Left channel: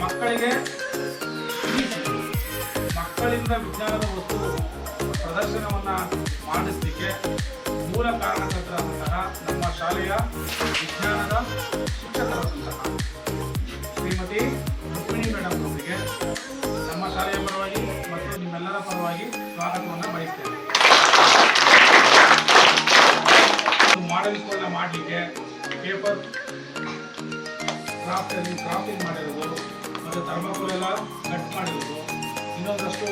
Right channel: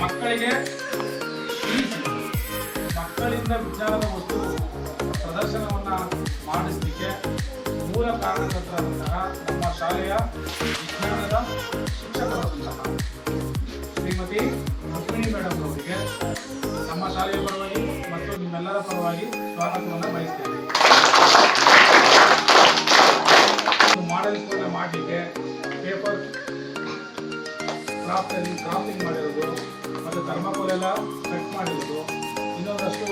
ಮಕ್ಕಳಿಗೆ ತಿಳಿಸಿ ಮಕ್ಕಳಿಂದ ವಿಜ್ಞಾನದ ವಸ್ತು ಪ್ರದರ್ಶನವನ್ನು ಮಾಡಿಸಲಿಕ್ಕೆ ಮೂಲ ಕಾರಣಕರ್ತರಾದಂತಹ ನಮ್ಮ ಶಾಲೆಯ ವಿಜ್ಞಾನದ ಶಿಕ್ಷಕರಾದಂತಹ ಶ್ರೀಮತಿ ರುಕ್ಮಿಣಿ ಮೇಡಮ್ ಅವರಿಗೆ ನಮ್ಮ ಶಾಲೆಯ ಪರವಾಗಿ ಮತ್ತು ನಿಮ್ಮೆಲ್ಲರ ಪರವಾಗಿ ಸ್ವಾಗತವನ್ನು ಬಯಸ್ತೇವೆ. ಮಾಡೆಲ್ ಸ್ಕೂಲ್ ಮಾಡಲಿಕ್ಕೆ ಪೇಪರ್ ಕ್ರಾಫ್ಟಿಂಗ್ ಮಾಡಿರೋದು ಮತ್ತು ಥರ್ಮಾಕೋಲ್ ಎಲ್ಲ ಕಟ್ ಮಾಡಿರೋದು ಇನ್ನೊಂದಷ್ಟು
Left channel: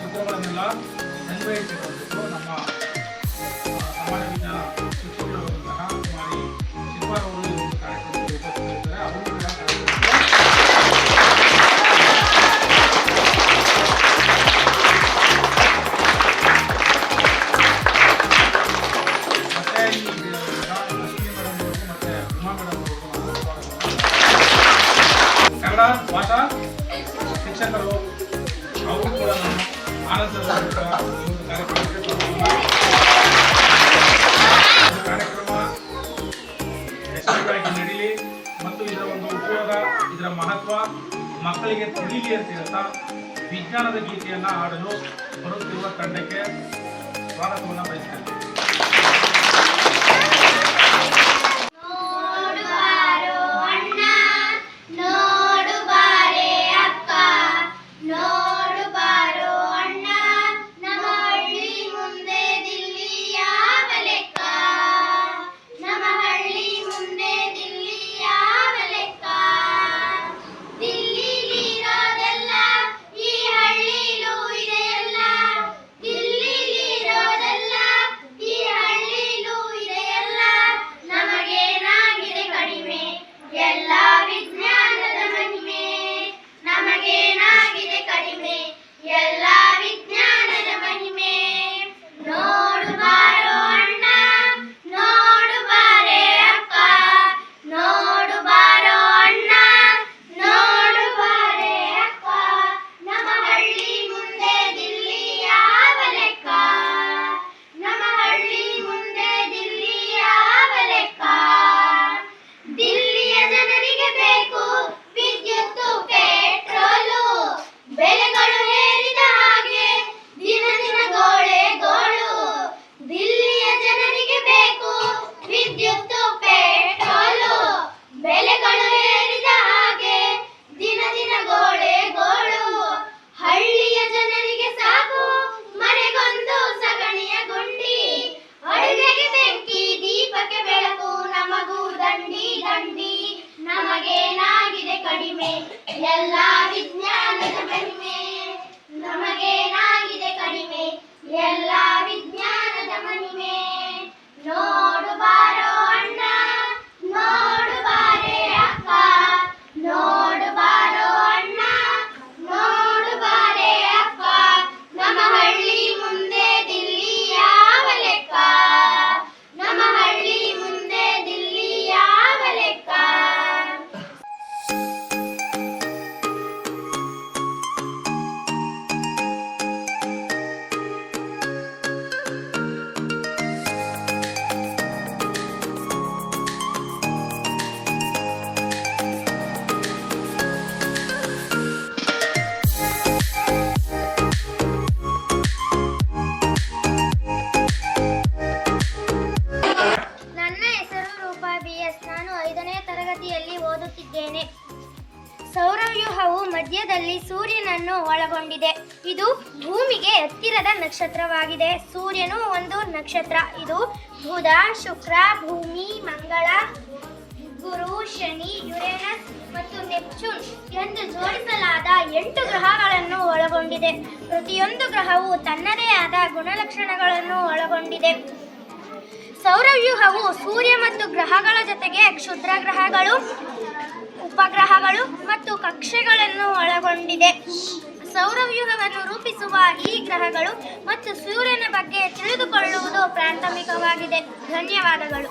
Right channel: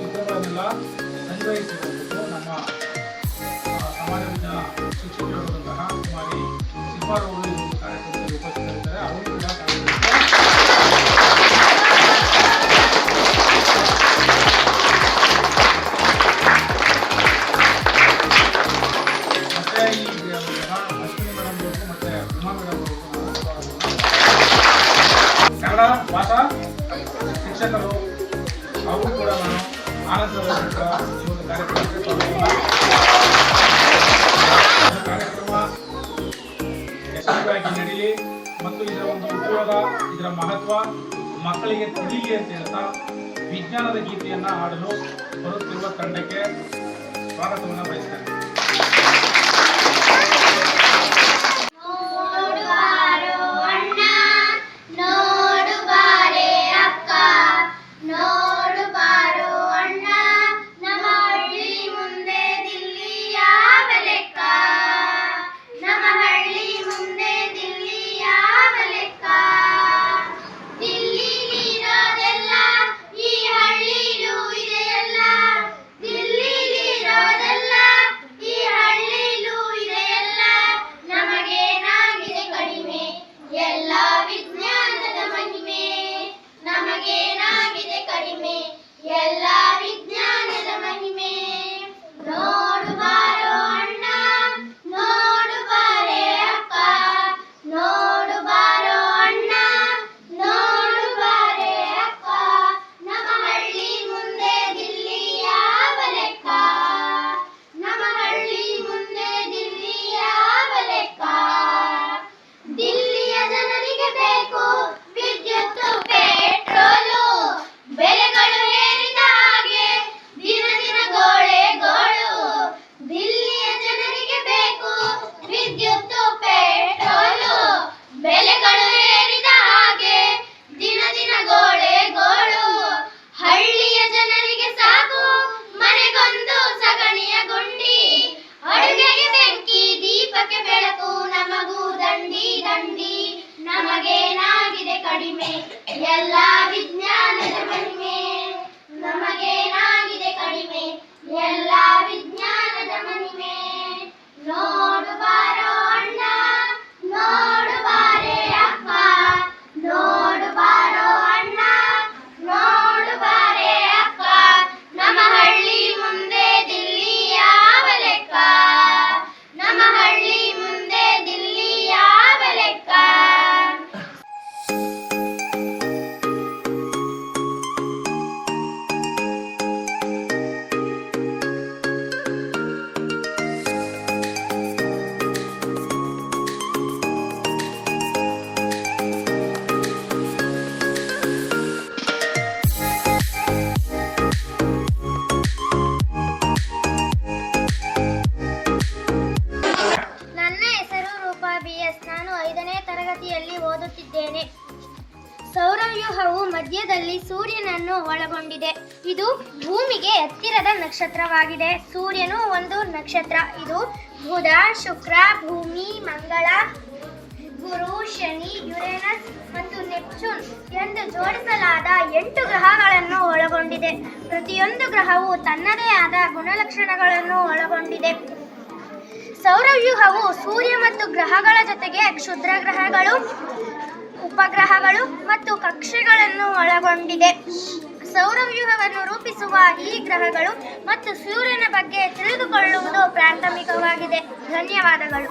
ಚಿತ್ರಗಳನ್ನೆಲ್ಲ ಸಂಗ್ರಹಿಸಿಕೊಂಡು ನಮ್ಮ ಸಮಾಜ ವಿಜ್ಞಾನ ಶಿಕ್ಷಕರಾದಂತಹ ಕುಮಾರಿ ಶಿಲ್ಪಾರವರು ಈ ಒಂದು ಕಾರ್ಯಕ್ರಮದಲ್ಲಿ ಉಪಸ್ಥಿತರಿದ್ದಾರೆ. ಅವರು ಕೂಡ ಮತ್ತೆ ಈ ಲಕ್ಷ್ಮೀ ಮೇಡಮ್ ಅವ್ರಿಗೂ ಮತ್ತೆ ಉಮಾ ಮೇಡಮ್ ಅವ್ರಿಗೂ ಕನ್ನಡ ಭಾಷಾ ಶಿಕ್ಷಕರು ಅವರು ಕೂಡ ನಾನು ಆನಂದ ಈ ಒಂದು ಕಾರ್ಯಕ್ರಮ ಯಶಸ್ವಿಯಾಗಿ ನಡೀಲಿ ಮತ್ತು ಇದರ ಒಂದು ಉಪಯೋಗ ಇದರ ಮಹತ್ವ ಮಕ್ಕಳಿಗೆ ತಿಳಿಲಿ ಅಂತ ಹೇಳ್ತಾ ವಿಜ್ಞಾನದ ಗೀತೆಯನ್ನು ಹಾಡಲು ಬರುತ್ತಿರುವ ತಂಡಕ್ಕೆ ಸ್ವಾಗತವನ್ನು ಬಯಸ್ತೇನೆ. ನಮಗೇನಾಗಿದೆ ಕಡಿಮೆ ಎಲ್ಲ ವಿಜ್ಞಾನದ ಮಹಿಮೆ ನಮಗೇನಾಗಿದೆ ಕಡಿಮೆ ಎಲ್ಲ ವಿಜ್ಞಾನದ ಮಹಿಮೆ ನೋಡು ಬಾರೋ ಅಣ್ಣ ನೋಡು ಬಾರೆ ಅಕ್ಕ ನೋಡು ಬಾರೋ ಅಣ್ಣ ನೋಡು ಬಾರೆ ಅಕ್ಕ ನಮ್ಮ ಹಳ್ಳಿ ಮುಂದೆ ದಿಲ್ಲಿ ಯಾವ ಲೆಕ್ಕ ನಮ್ಮ ಹಳ್ಳಿ ಮುಂದೆ ದಿಲ್ಲಿ ಯಾವ ಲೆಕ್ಕ. ನಾನು 5ನೇ ತರಗತಿಯಲ್ಲಿ ಓದುತ್ತಿದ್ದೇನೆ. ಸೌರವ್ಯೂಹವು ಮಧ್ಯದಲ್ಲಿ ಸೂರ್ಯನನ್ನು ಒಳಗೊಂಡಿದೆ. ಇದು ಭೂಮಿಗೆ ಹತ್ತಿರದ ನಕ್ಷತ್ರವಾಗಿದೆ. ಸೂರ್ಯನು ಒಂದು ನಕ್ಷತ್ರ. ಇದು ಬುಧ, ಶುಕ್ರ, ಭೂಮಿ, ಮಂಗಳ, ಗುರು, ಶನಿ, ಯುರೇನಸ್ ಮತ್ತು ನೆಪ್ಚೂನ್ ಎಂದು ಜೋಡಿಸಲಾದ 8 ಗ್ರಹಗಳನ್ನು ಒಳಗೊಂಡಿದೆ. ಪ್ರತಿಯೊಂದು ಗ್ರಹವು ತನ್ನದೇ ಆದ ಗುಣಲಕ್ಷಣಗಳನ್ನು ಒಳಗೊಂಡಿದೆ. ಸೌರವ್ಯೂಹವು ಸೂರ್ಯ ಮತ್ತು ಗ್ರಹಗಳ ಜೊತೆಗೆ ಕ್ಷುದ್ರ ಗ್ರಹಗಳು, ಉಪಗ್ರಹಗಳು ಮತ್ತು ಕಕ್ಷೆಗಳನ್ನು ಒಳಗೊಂಡಿದೆ. ಸೌರವ್ಯೂಹವನ್ನು ರೂಪಿಸುವ ಈ ಗ್ರಹಗಳು ಮತ್ತು ಸೂರ್ಯನ ಬಗ್ಗೆ ತಿಳಿದುಕೊಳ್ಳುವುದು ಪ್ರಾಥಮಿಕವಾಗಿದೆ. ಧನ್ಯವಾದಗಳು.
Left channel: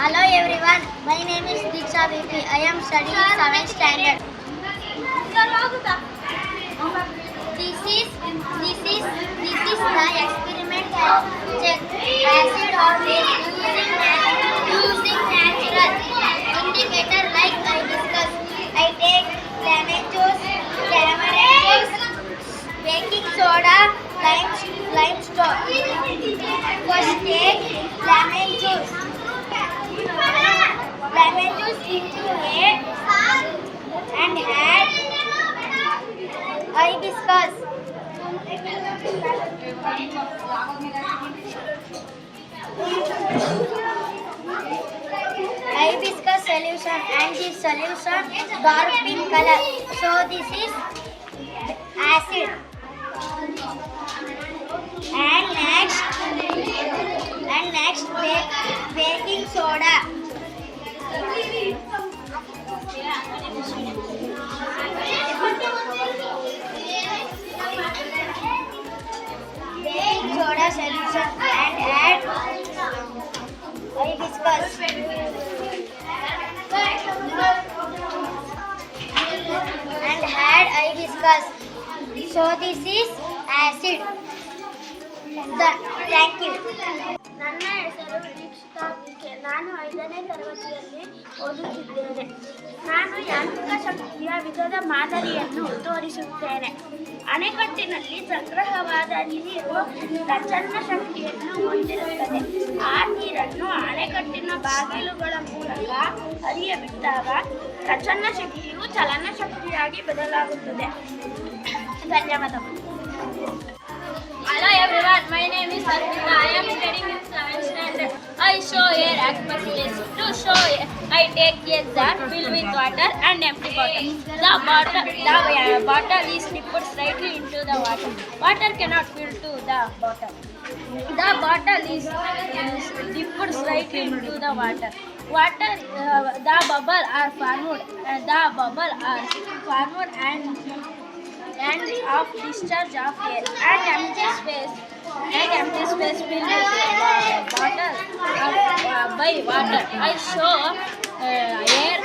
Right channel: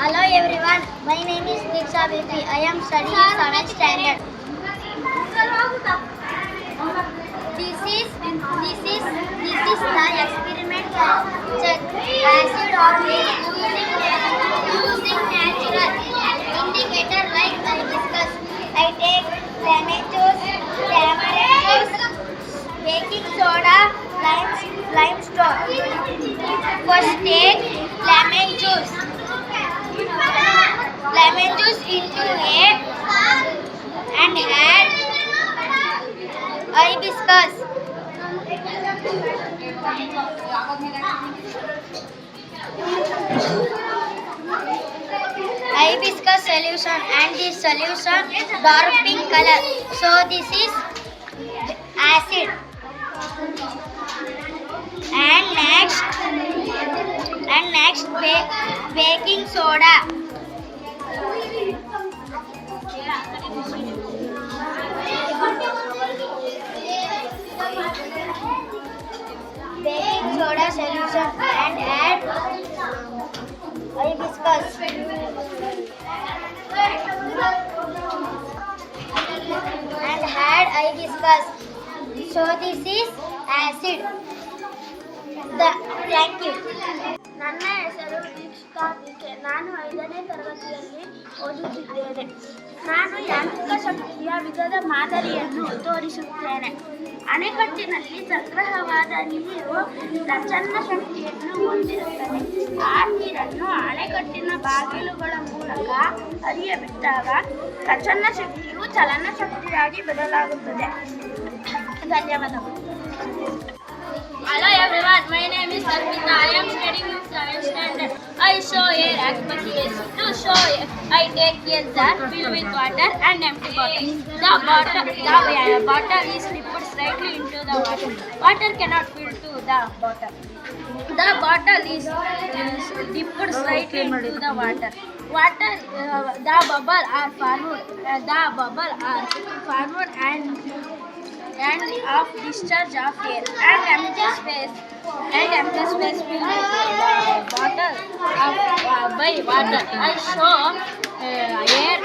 Hello everyone, my name is Diksha BP. I am studying 7th standard. This is the experiment check acid or base using natural. In indicator like I discuss. I take lemon juice, tamarind juice, baking soda, limestone. First take lemon juice. Lemon juice into a and add hibiscus. Hibiscus solution and this solution dark pink color. So this is acid. And next baking soda. Baking soda solution and add hibiscus. And add hibiscus. So this is acid. Thank you. ನನ್ನ ಹೆಸರು ದೀಕ್ಷಿತಾ ವಿಕೆ. ನಾನು 5ನೇ ತರಗತಿಯಲ್ಲಿ ಓದುತ್ತಿದ್ದೇನೆ. ನಾನು ಯಾಂತ್ರಿಕ ಶಕ್ತಿಯ ವಿಧದ ಮಾದರಿಯನ್ನು ತೋರಿಸುತ್ತೇನೆ. ಅಣೆಕಟ್ಟಿನಲ್ಲಿ ಸಂಗ್ರಹವಾದ ನೀರು ಪ್ರಚಂಡ ಶಕ್ತಿಯನ್ನು ಹೊಂದಿರುತ್ತದೆ. ಆ ನೀರನ್ನು ಅಣೆಕಟ್ಟಿನ ಬಾಗಿಲುಗಳ ಮೂಲಕ ಹರಿಯಬಿಟ್ಟಾಗ ಪ್ರಚಂಡ ಶಕ್ತಿಯು ಚಲನ ಶಕ್ತಿಯಾಗಿ ಬದಲಾಗುತ್ತದೆ. ಧನ್ಯವಾದಗಳು. Hello everyone, my name is Arpita. I am studying in 7th standard. I show air atmosphere. To show air, I take a jar filled with water and empty bottle. The bottle is dipped slightly into the water. Water cannot fill to the bottle. The bottle is dipped slightly into the water. The bubble are formed. And of discharge of air and empty space filled with bottle by water. I show air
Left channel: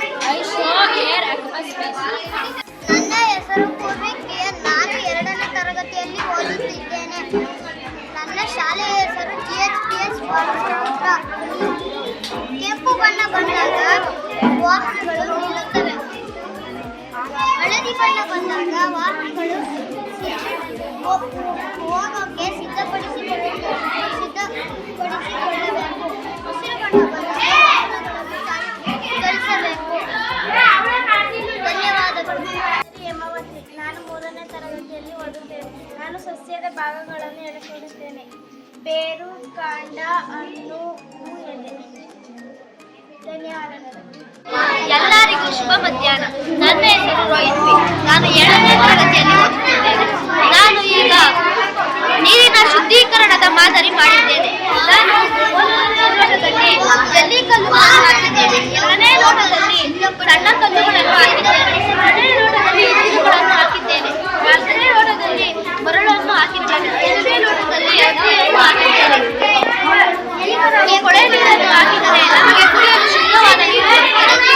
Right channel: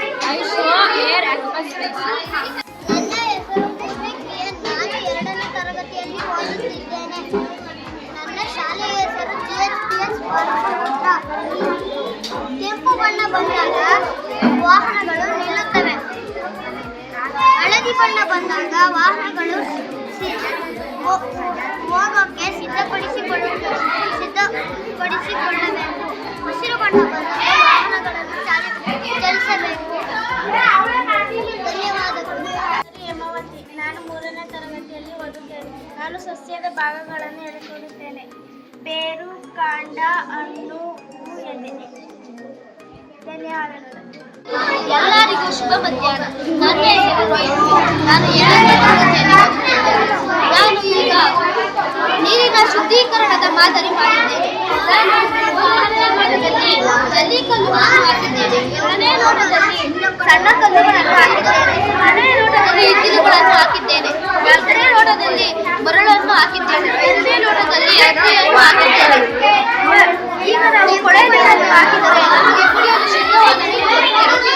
atmosphere. ನನ್ನ ಹೆಸರು Purvi KN. ನಾನು 2ನೇ ತರಗತಿಯಲ್ಲಿ ಓದುತ್ತಿದ್ದೇನೆ. ನನ್ನ ಶಾಲೆಯ ಹೆಸರು GHPS Balakrishna. ಕೆಂಪು ಬಣ್ಣ ಬಂದಾಗ ವಾಹನಗಳು ನಿಲ್ಲುತ್ತವೆ. ಹಳದಿ ಬಣ್ಣ ಬಂದಾಗ ವಾಹನಗಳು ಹೋಗೋಕ್ಕೆ ಸಿದ್ಧಪಡಿಸಿಕೊಳ್ಳಬೇಕು. ಹಸಿರು ಬಣ್ಣ ಬಂದಾಗ ವಾಹನಗಳನ್ನು ಚಲಿಸಬೇಕು. ಧನ್ಯವಾದಗಳು. ಹೇಮಾವತಿ. ನಾನು 3ನೇ ತರಗತಿಯಲ್ಲಿ ಓದುತ್ತೇನೆ. ನಾನು ಸಸ್ಯದ ಭಾಗಗಳನ್ನು ಹೇಳಿಕೊಡುತ್ತೇನೆ. ಬೇರು, ಕಾಂಡ, ಹಣ್ಣು, ಹೂ, ಎಲೆ. ಧನ್ಯವಾದಗಳು. ಎಲ್ಲರಿಗೂ ಶುಭ ಮಧ್ಯಾಹ್ನ. ನನ್ನ ಹೆಸರು ರೋಹಿತ್ ಪಿ. ನಾನು 7ನೇ ತರಗತಿಯಲ್ಲಿ ಓದುತ್ತಿದ್ದೇನೆ. ನಾನು ಈಗ ನೀರಿನ ಶುದ್ಧೀಕರಣದ ಮಾದರಿ ಮಾಡಿದ್ದೇನೆ. ನಾನು 1ನೇ ಲೋಟದಲ್ಲಿ ಜಲ್ಲಿಕಲ್ಲುಗಳನ್ನು ಹಾಕಿದ್ದೇನೆ. 2ನೇ ಲೋಟದಲ್ಲಿ ಸಣ್ಣ ಕಲ್ಲುಗಳನ್ನು ಹಾಕಿದ್ದೇನೆ. 3ನೇ ಲೋಟದಲ್ಲಿ ಇಟ್ಟಿಗೆಗಳನ್ನು ಹಾಕಿದ್ದೇನೆ. 4ನೇ ಲೋಟದಲ್ಲಿ ಮರಳನ್ನು ಹಾಕಿದ್ದೇನೆ. 5ನೇ ಲೋಟದಲ್ಲಿ ಅಕ್ಕಿಯನ್ನು ಹಾಕಿದ್ದೇನೆ. ಈಗ ನಾವು ಕೊಳೆ ನೀರನ್ನು ಹಾಕಿದರೆ ನಮಗೆ ಕುಡಿಯಲು ಶುದ್ಧವಾದ ನೀರು ಬರುತ್ತದೆ.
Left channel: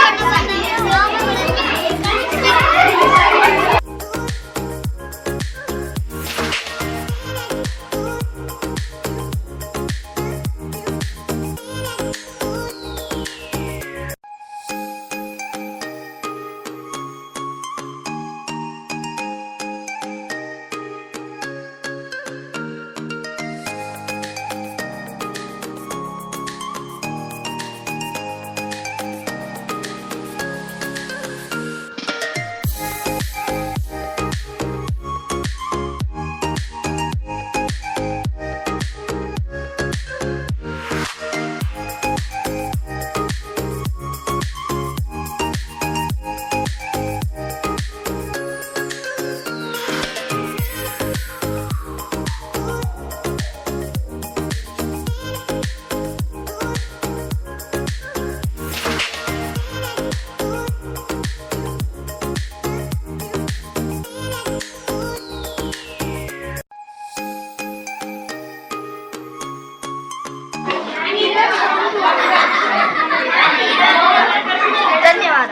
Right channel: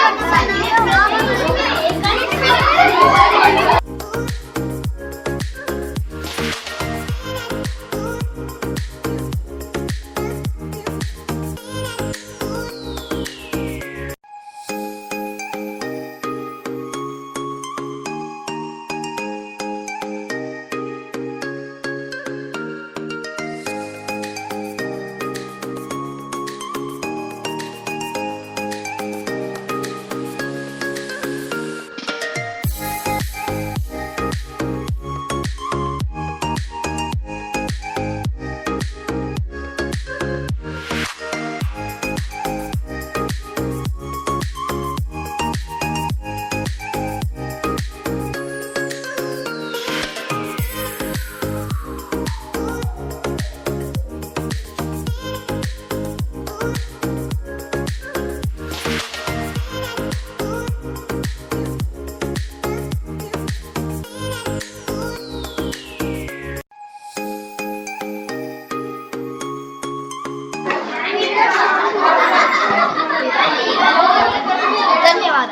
ಧನ್ಯವಾದ.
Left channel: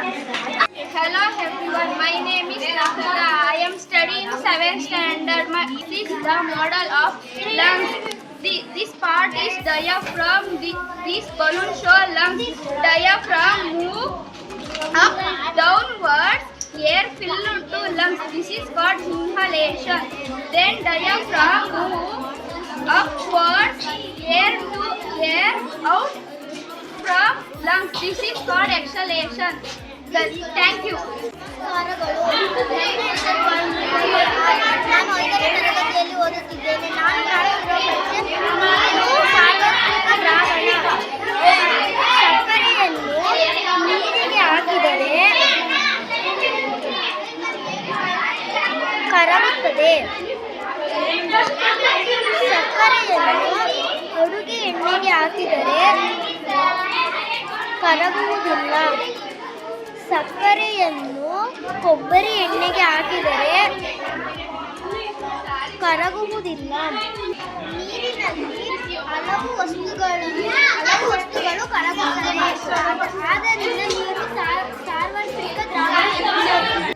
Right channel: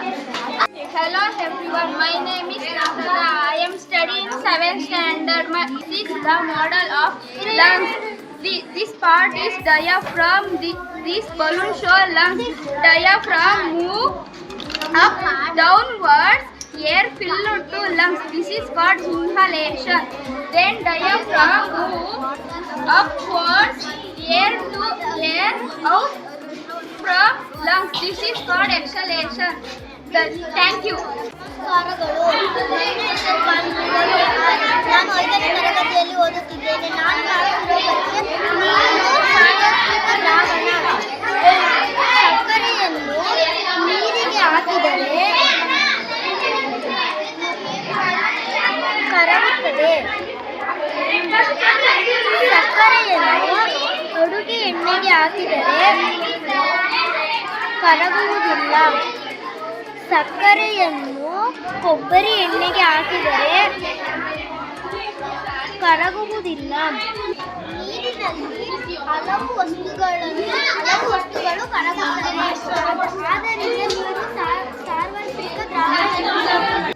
Hello everyone, my name is Nafrata. I am studying 7th standard. This is the model of lungs. This part is diaphragm. This balloon show lungs. Diaphragm move Up, downwards, air fill to lungs. This is called inhalation. Then diaphragm moves upwards, air out from lungs. This is called exhalation. Thank you. ನಮಸ್ಕಾರಗಳು. ನನ್ನ ಹೆಸರು ಬಾಲಮುರಳಿ. ನಾನು 5ನೇ ತರಗತಿಯಲ್ಲಿ ಓದುತ್ತಿದ್ದೇನೆ. ನಾನು ಮಾಡುತ್ತಿರುವ ಪರೀಕ್ಷೆ ನೀರು ಸಾರ್ವತ್ರಿಕ ದ್ರಾವಣ. ಸಕ್ಕರೆಯನ್ನು ನೀರಿಗೆ ಹಾಕಿದರೆ ಕರಗುತ್ತದೆ. ಸಕ್ಕರೆಯನ್ನು ಅಡುಗೆ ಎಣ್ಣೆಗೆ ಹಾಕಿದರೆ ಕರಗುವುದಿಲ್ಲ. ಸಕ್ಕರೆಯನ್ನು ಕೊಬ್ಬರಿ ಎಣ್ಣೆಗೆ ಹಾಕಿದರೆ ಕರಗುವುದಿಲ್ಲ. ನೀರಿನಲ್ಲಿ ಹಲವು ವಸ್ತುಗಳು ಕರಗುತ್ತವೆ. ಆದ್ದರಿಂದ ನೀರು ಸಾರ್ವತ್ರಿಕ ದ್ರಾವಣ.